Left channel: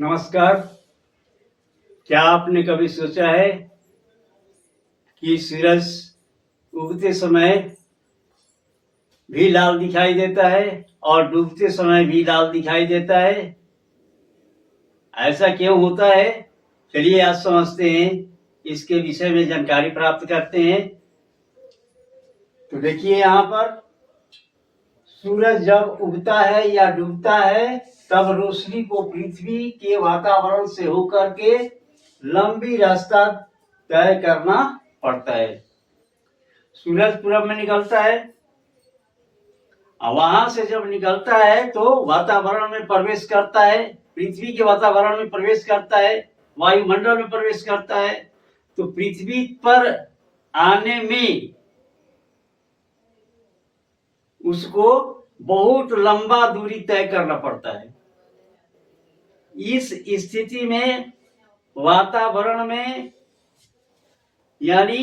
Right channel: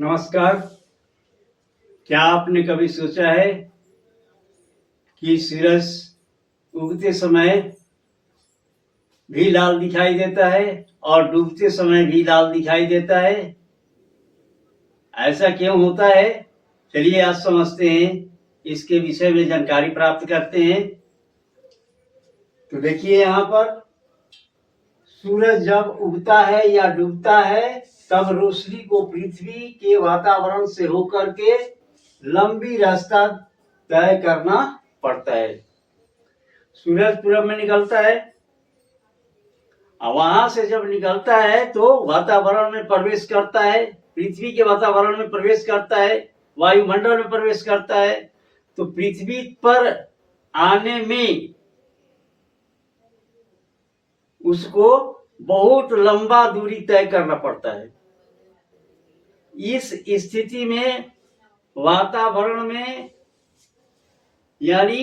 नमस्कार। क्या आपने कभी सोचा है कि सूरज उगते समय भी लाल दिखाई देता है और डूबते समय भी लाल दिखाई देता है? ऐसा क्यों होता है? चलिए आज समझते हैं, इसके विषय में जानकारी प्राप्त करते हैं। तो देखिए, यहाँ पर सूरज जब उगता है या डूबता है तब रोशनी को पृथ्वी के वातावरण से होकर के लंबी रास्ता तय करना पड़ता है। सूरज पूरब में निकलता है, वहां से जब निकलता है तो वातावरण में प्रवेश करता है, पृथ्वी के वातावरण में प्रवेश करता है, वायुमंडल में प्रवेश करता है। तो पृथ्वी पर आने में उसको बहुत लंबा दूरी तय करना पड़ता है। इस स्थिति में वातावरण में यानी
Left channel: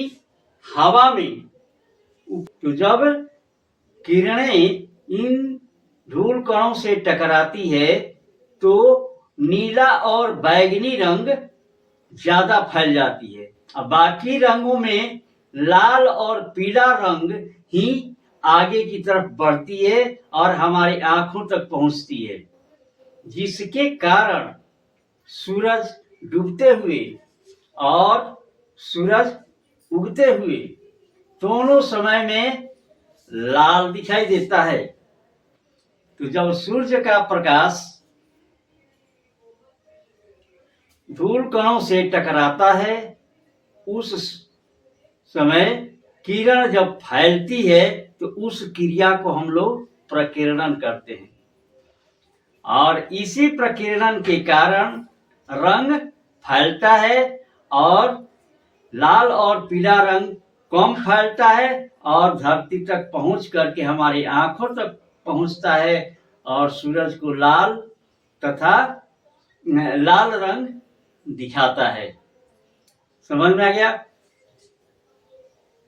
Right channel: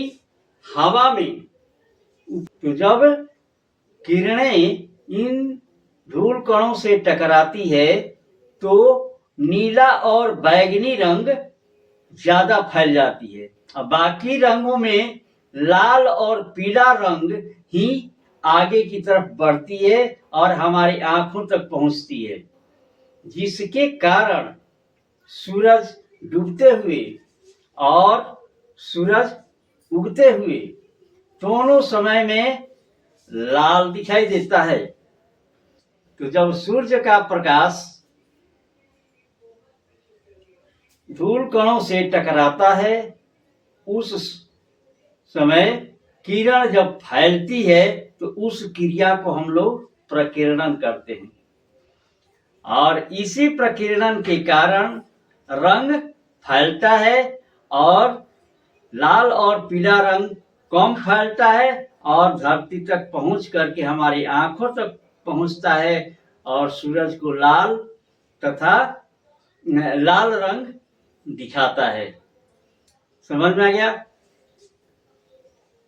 हवा में तो जब किरणें इन धूल कणों से टकराती है तो नीला और बैंगनी रंग ज्यादा फैल जाती है। अब बाकी रंगों में लाल और पीला रंग ही आगे की तरफ बढ़ती है और हमारी आंखों तक पहुंचती है, जिसके कारण सूरज डूबते हुए और सूरज उगते हुए दोनों समय में लाल दिखाई देता है। तो जब सूर्य का प्रकाश धूल कणों से टकराता है उस समय किरण जब फैलती है तो उस क्रिया को हम लोग प्रकीर्णन कहते हैं। और इसी प्रकीर्णन के कारण रंग फैलता है और लाल और पीला रंग कम फैलता है और धरती तक पहुंच करके हमारी आंखों तक पहुंचता है और सूरज को लाल तथा लाल रंग दिखाता है। समझ में आ गया?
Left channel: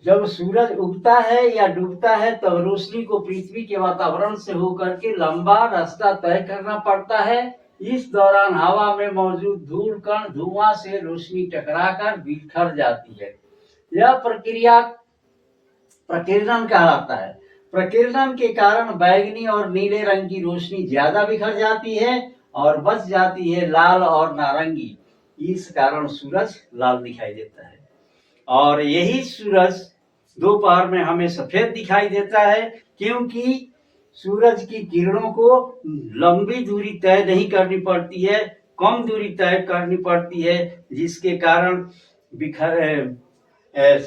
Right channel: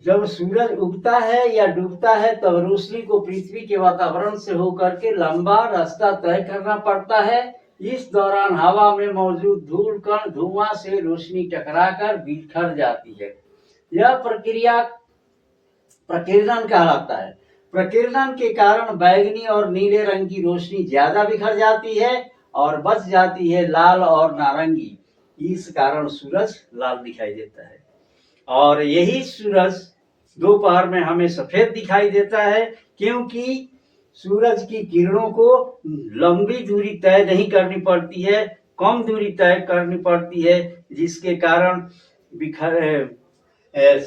जब सूरज उगता है या डूबता है तब रोशनी को पृथ्वी के वातावरण से होकर के लंबा रास्ता तय करना पड़ता है। इस दौरान हवा में मौजूद धूल कण धुआं से रोशनी टकराकर बिखर जाती है। यह प्रक्रिया प्रकीर्णन कहलाता है। प्रकीर्णन के कारण बैंगनी और नीले रंग की रोशनी ज्यादा बिखर जाती है और बच जाती है लाल और नारंगी। इस कारण सूरज लाल दिखाई देता है। और यही सूरज दोपहर में हमें सफेद दिखाई देता है, क्योंकि सूरज की किरणों को लंबी दूरी तय नहीं करनी पड़ती है, कम दूरी तय करनी पड़ती है, जिसके कारण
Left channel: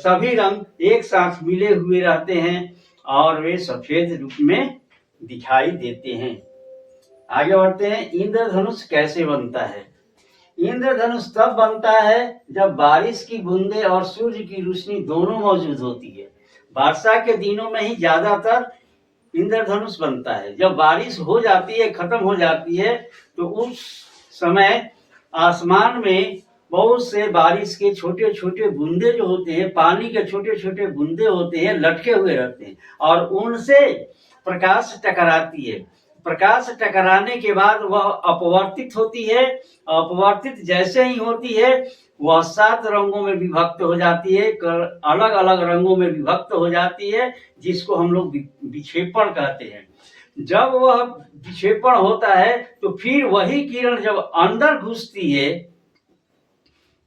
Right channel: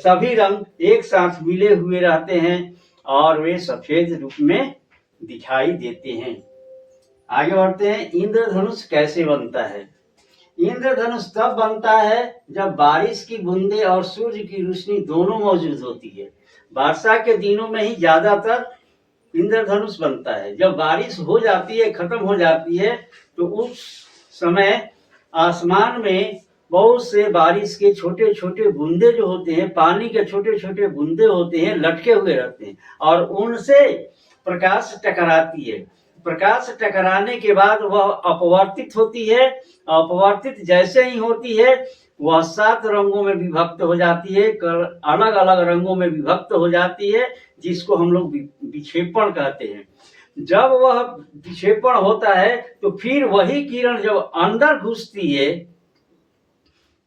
सभी रंग एक साथ मिले हुए रहते हैं और वे सफेद रूप में दिखाई देते हैं। आगे बढ़ते हैं। इंद्रधनुष कैसे बनता है? इंद्रधनुष तब बनता है जब बारिश की बूंदें और सूर्य की रोशनी दोनों मौजूद होती है। वर्षा के दिनों में ही ज्यादातर इंद्रधनुष बनता है। जब बारिश हो जाती है, खत्म हो जाती है, तो उस समय आसमान में बहुत से बारिश के छोटे छोटे बूंदे जो होते हैं, पानी के छोटे छोटे बूंदे होते हैं, लटके हुए रहते हैं और उनसे प्रकाश टकराती है। प्रकाश टकराने के बाद वह अपवर्तित होती है। अपवर्तित जैसे ही होती है वह 7 रंगों में विभक्त हो जाती है, अलग अलग रंगों में विभक्त हो जाती है, जिसको हम लोग विक्षेपण कहते हैं। जब वह विक्षेपण होता है तो फिर वही किरण जब अंदर घुसती है,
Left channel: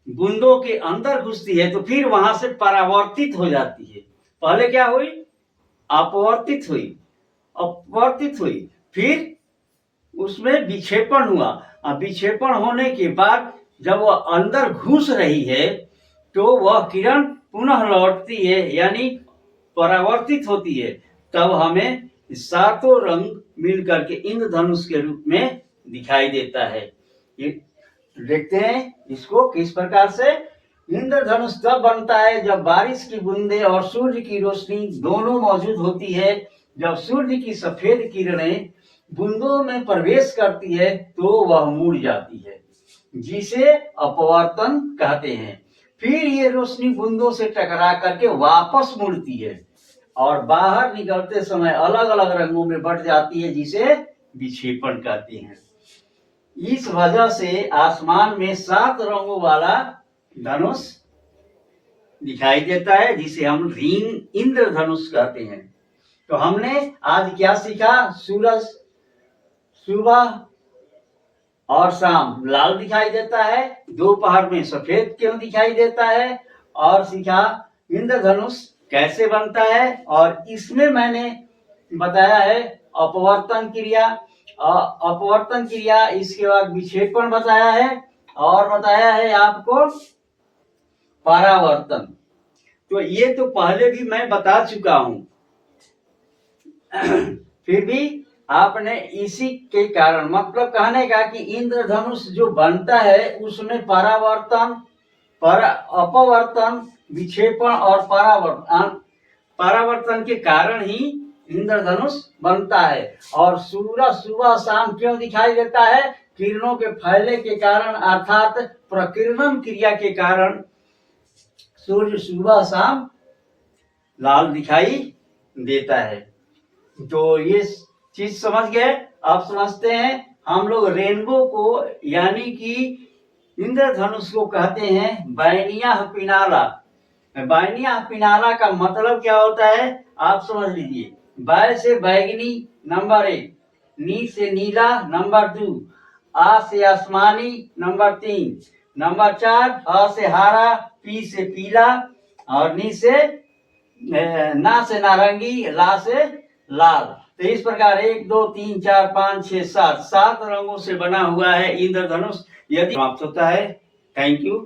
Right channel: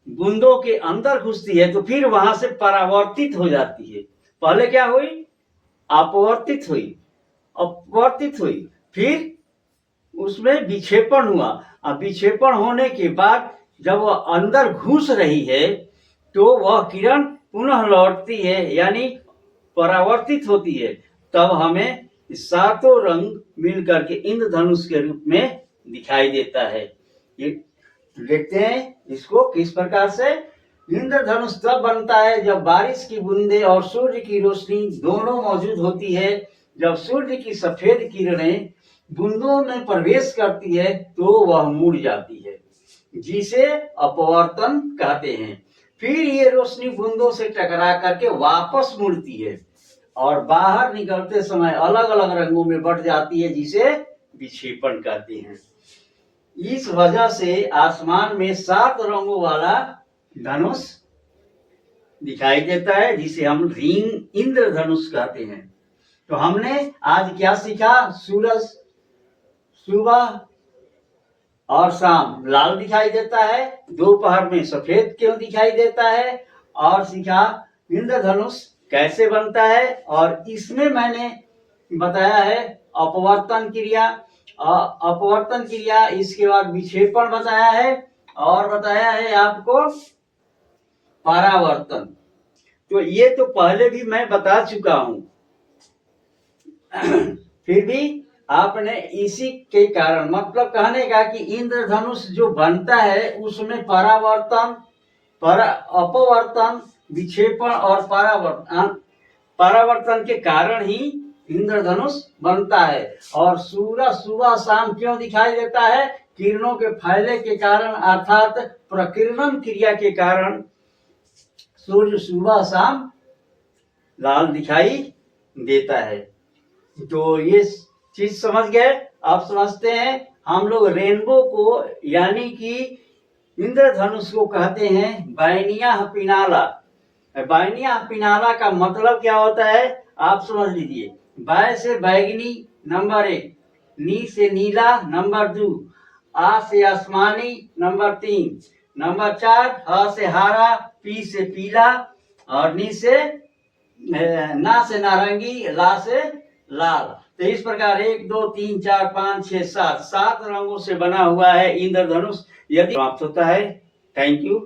बूंदों के अंदर घुसती है, तो फिर वहां से परावर्तित हो जाती है। पहले क्या हुई? अपवर्तित हुई, अपवर्तित हुई, फिर उसमें विक्षेपण हुआ। अब विक्षेपण होने के बाद जब वह अंदर घुस रही है तो वह किरण पुनः लौटती है, यानी परावर्तित होती है। तब हमें 7 रंग मिलकर के इंद्रधनुष के रूप में दिखाई देता है। ये देखते हैं इसको किस प्रकार से। इंद्रधनुष तब बनता है जब बारिश की बूंदें और सूर्य की रोशनी दोनों मौजूद होती है। जब सूर्य की सफेद किरणें बूंदों में प्रवेश करती है तो वह मुड़ जाती है, जिसे अपवर्तन कहते हैं। फिर ये रोशनी बूंदों से टकरा करके वापस मुड़ती है और बाहर निकलते समय अलग अलग रंगों में बट जाती है, जिसे विक्षेपण कहते हैं। इस वजह से आसमान में 7 रंगों वाला धनुष दिखाई देता है, जिसे हम रिंग इंद्रधनुष कहते हैं। तो हमने आज क्या सीखा? सूरज सुबह और शाम लाल दिखाई देता है, दोपहर में सफेद क्यों दिखाई देता है, और सीखा इंद्रधनुष कैसे बनता है। और इसमें मैंने बताया है अपवर्तन क्रिया, अपवर्तन क्रिया, इसके बाद विक्षेपण बताया है, और बताया है आपको परावर्तन। तो ये तो पहले भी मैं बता चुका हूं। फिर भी आपने इसी के कारण, मतलब कहने का कि इंद्रधनुष जो बनता है उसमें परावर्तन, अपवर्तन, विक्षेपण और परावर्तन के कारण ही इंद्रधनुष बनता है। और सूरज सुबह शाम क्यों दिखाई देता है? किरणों के फैले के कारण, अर्थात प्रकीर्णन क्रिया के कारण सूर्य सुबह शाम लाल दिखाई देता है। तो ये चीज समझ गए। अब समझते हैं हम लोग रेनबो को, यानी कि इंद्रधनुष को कहते हैं बैनिया पिनाला। बैनिया पिनाला का मतलब क्या होता है आप समझ लीजिए। बै से बैगनी नंबर 1, नी से नीला नंबर 2, आ से आसमानी नंबर 3, नंबर 4 ह से हरा, पी से पीला, और नी से ना से नारंगी, ला से लाल। तो इस प्रकार 1 2 3 4 5 6 7 रंगों से बना हुआ है इंद्रधनुष। यदि समाप्त होता है। Thank you.